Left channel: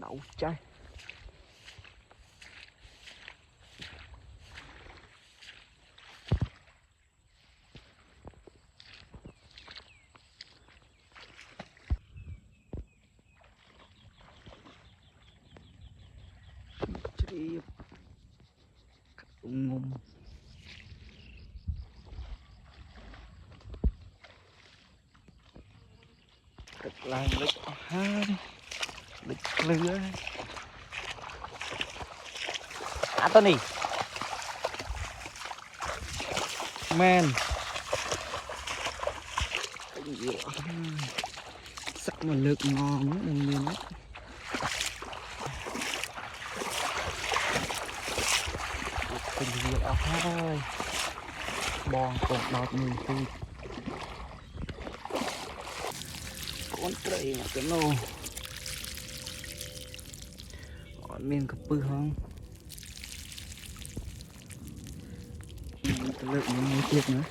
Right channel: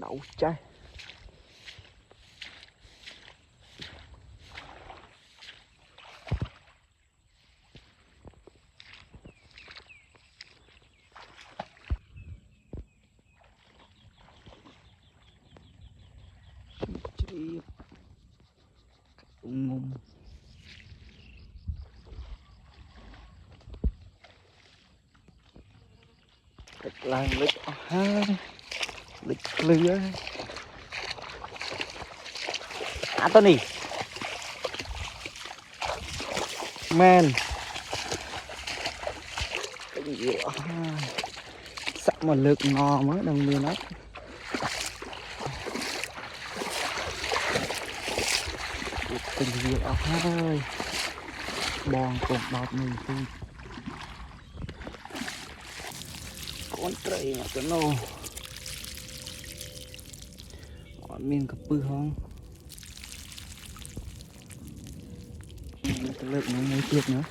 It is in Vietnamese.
đậu trái chì ngùng lại lịch ha lịch lừa Anthony man sắp mà lực ngò mới đồng miền đó tình việc ở thế ơi đang cùng đọt mình khi con trầy mà cái nô miền cặp bư không cái lượng những người tiếc nữa